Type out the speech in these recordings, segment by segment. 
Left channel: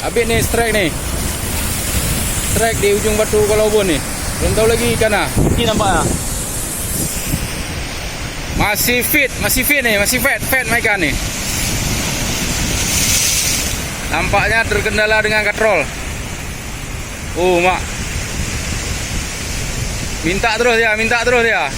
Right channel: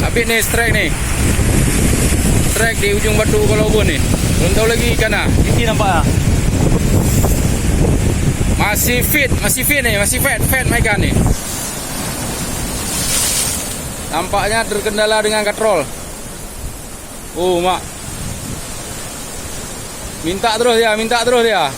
Habis nih strike nih. Strike di ujung batu Kolobon nih. Belum tahu lagi ikan lah. Ini nampaknya. Masih fit nih, masih fat ikan nih. Nampaknya terkendala dengan katrol. Mak. Minta terus dia.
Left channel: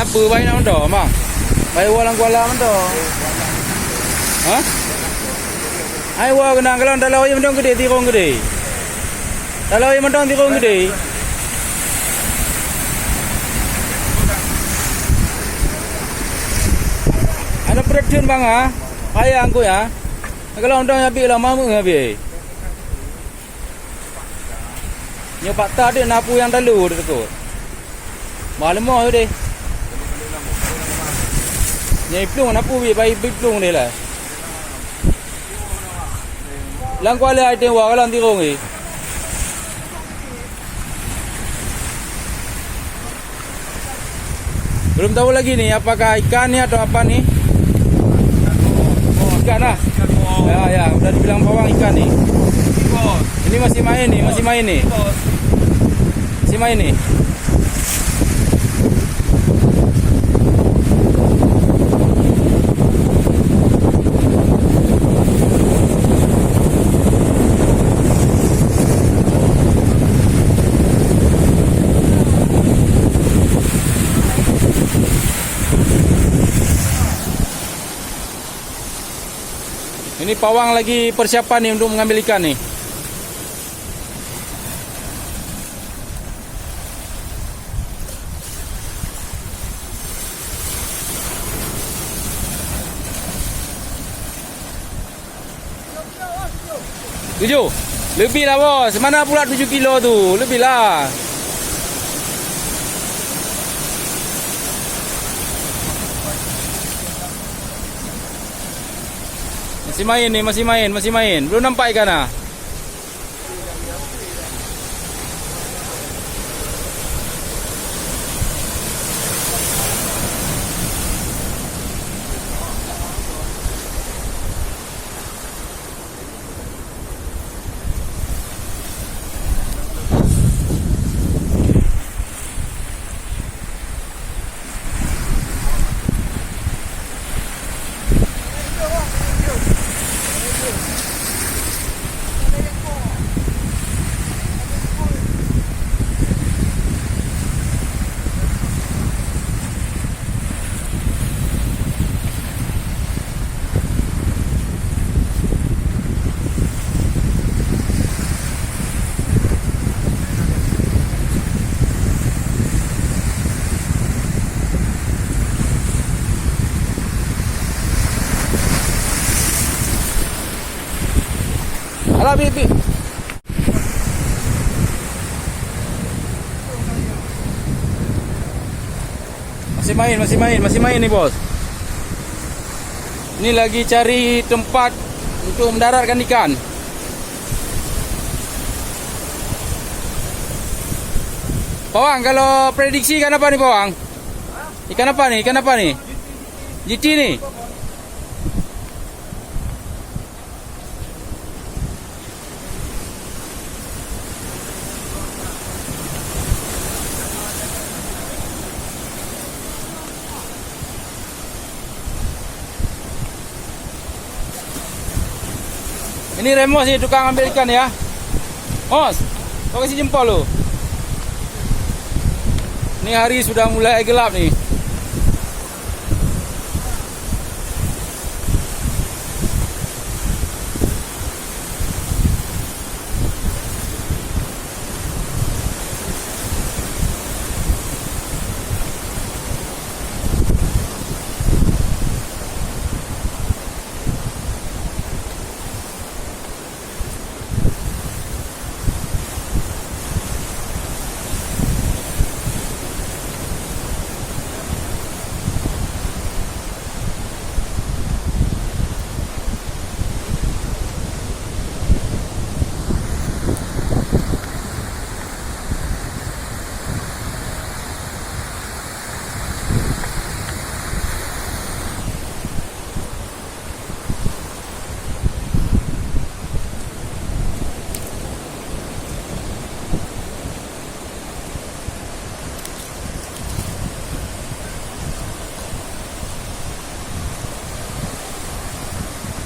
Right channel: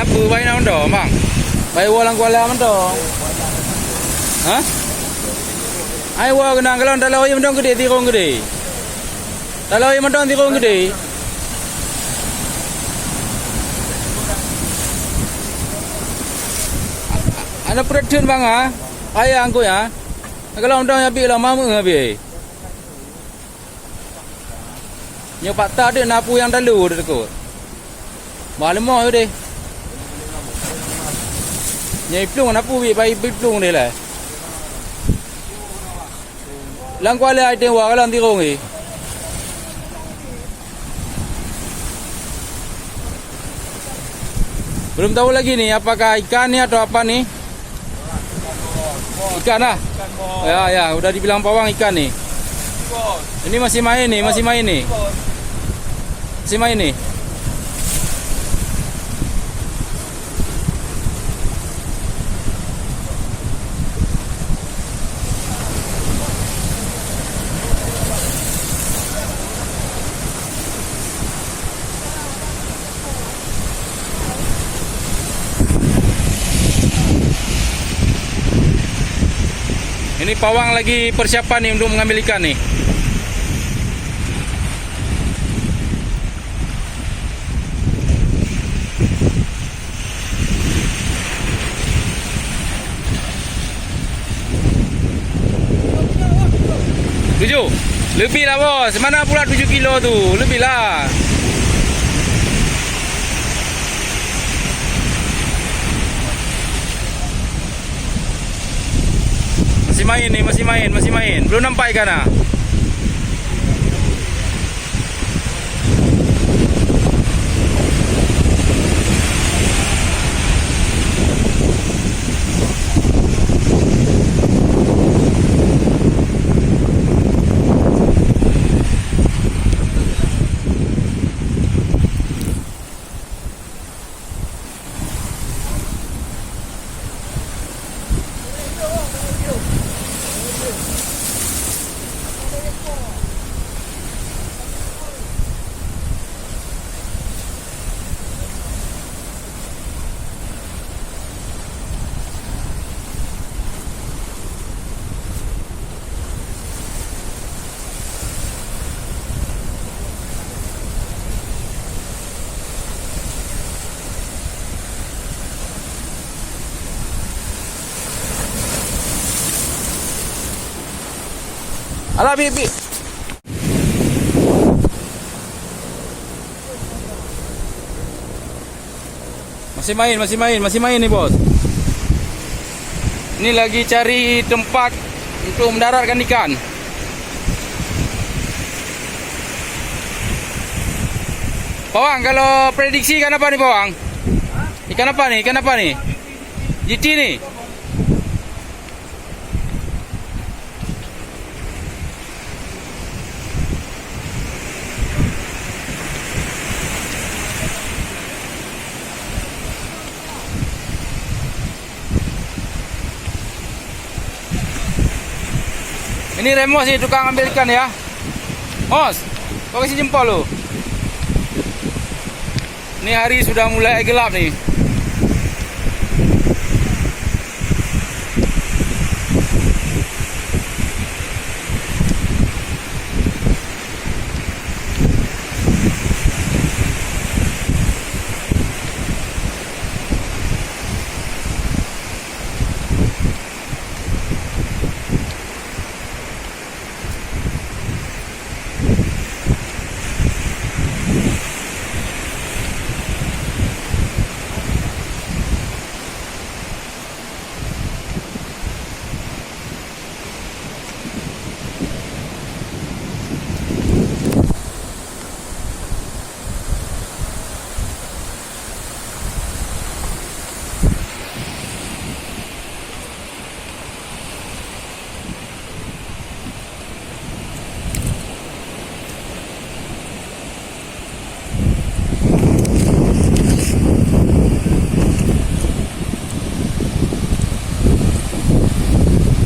Apa bayi nak mendo, bang? Bayi walang kuala mendo. Hah? Ai wa kena kalau dalau yang mendo gede tirong gede. Dalau yang mendo tirong gede. Ada production bang ah. Ayah angku ya. Kalau mendo habis lah mamu habis. Nyopak tadi napu yang dalu dekat. Malam mau deh. Nyai plung napu bi bai plung ni lah. Lang kuala item wa kalau tirong ni. Belum tahu lagi nih apakah ikan ni atau apa nih? Ikan lah. Ya, udah dibilang pawang ikan nih. Ini masih main nih. Masih main nih. Ini pawang lagi persiapan nih untuk mengambil ikan nih. Tujuh, lebih lah bos. Mana pula 7 kilo tu? Lebih lah. Masih main. Belum nampak ikan ah. Alah bibi. Masih main nih bos. Ini lagi cari tempat untuk mendaratkan ikan. Pawang, kalau prediksi ikan apa nih Pawang? Ikan apa nih? GT nih. Ini Remos sih tukang ambil ikan ya. Mos, kau kasih jempol lu. Ini hari sudah mulai gelap nih.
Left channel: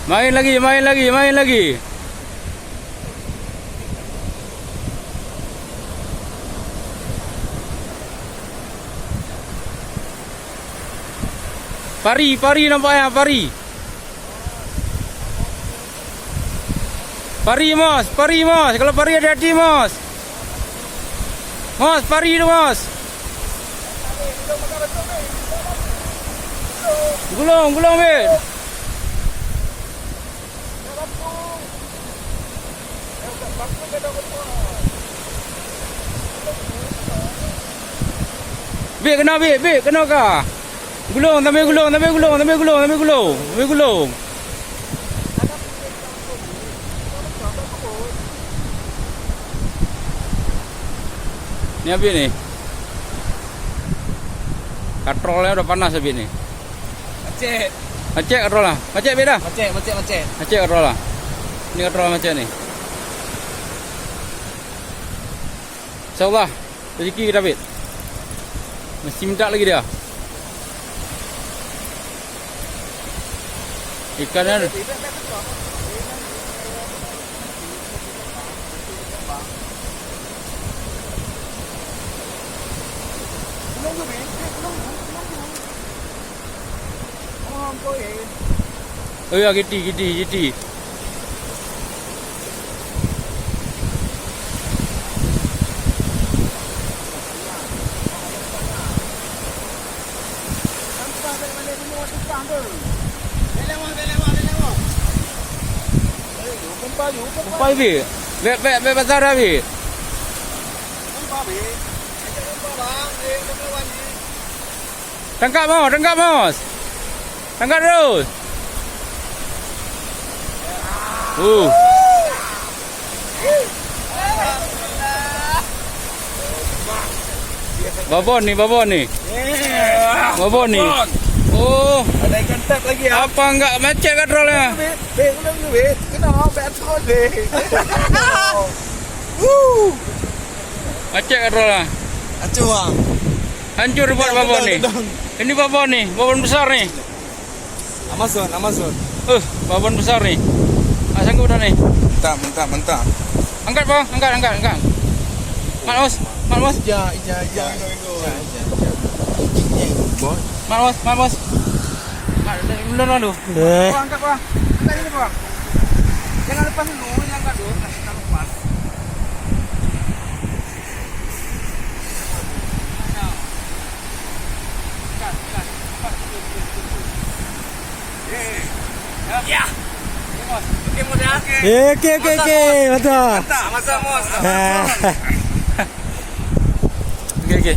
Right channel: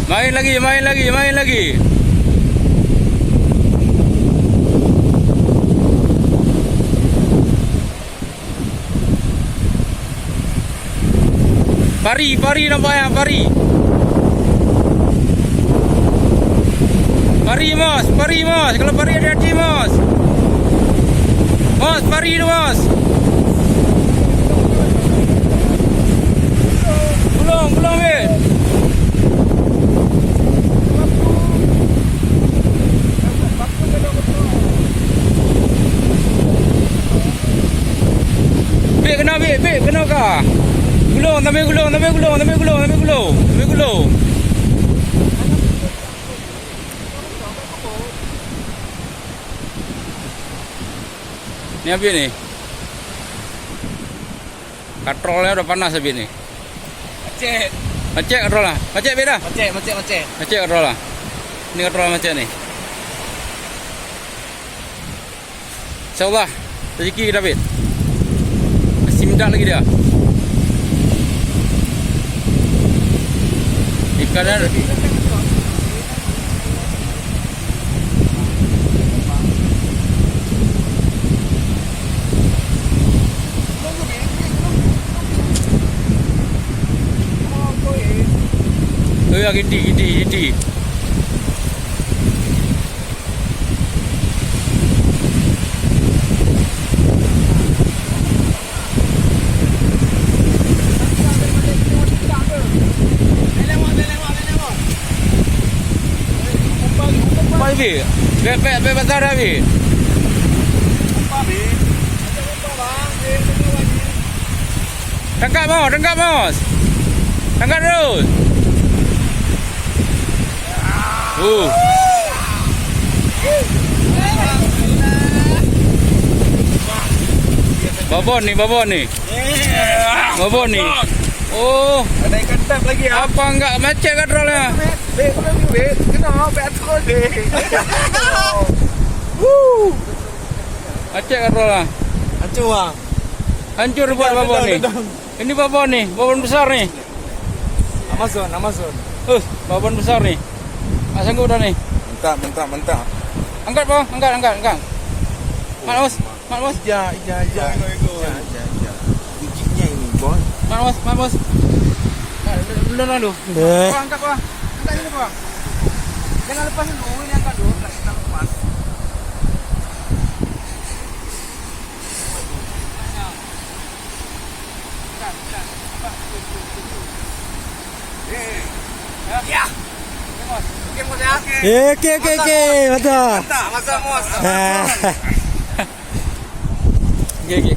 Main lagi, main lagi, main lagi. Pari, pari nampaknya, pari. Pari, Mas, pari, Mas. Kalau pari hati-hati, Mas. Mas, pari itu, Mas. Gulung, gulung, Bet. Bik kena, bik kena kah? Gulung, tambah gulung, tambah gulung, tambah gulung, tambah gulung, tambah gulung. Ni apa ni? Katrolnya udah panas habis ni. Macet. Macet katrol lah. Macet beda. Macet. Macet katrol lah. Ni katrol macet ni. InsyaAllah rezeki kita David. Masih minta lagi dia. Ikannya oh ya, giti. Apa ini? Bek besar habis. Tangkap Mas. Tangkap terus. Babon nih. Oh, Ada ikan tap lagi ya. apa enggak macet katrolnya? Bek. Kena bek atrol bek. Macet katrolnya. Hancur bang. Hancur buat babon nih. Ini babon nih, babon besar nih. Amazon. Babon besar nih. Sanggup dah nih. Mantap. Angkat bang, angkat. Mat Mas. Ja. Ujiknya ini boy. Mat Mas. Belum. Angkat bang. Angkat ini bang. Jangan lepas dulu, ini angkat dulu. Kita lepas. Ya. Oke, Mas ya. Oke. Mantap. Mantap, Mas. Oke.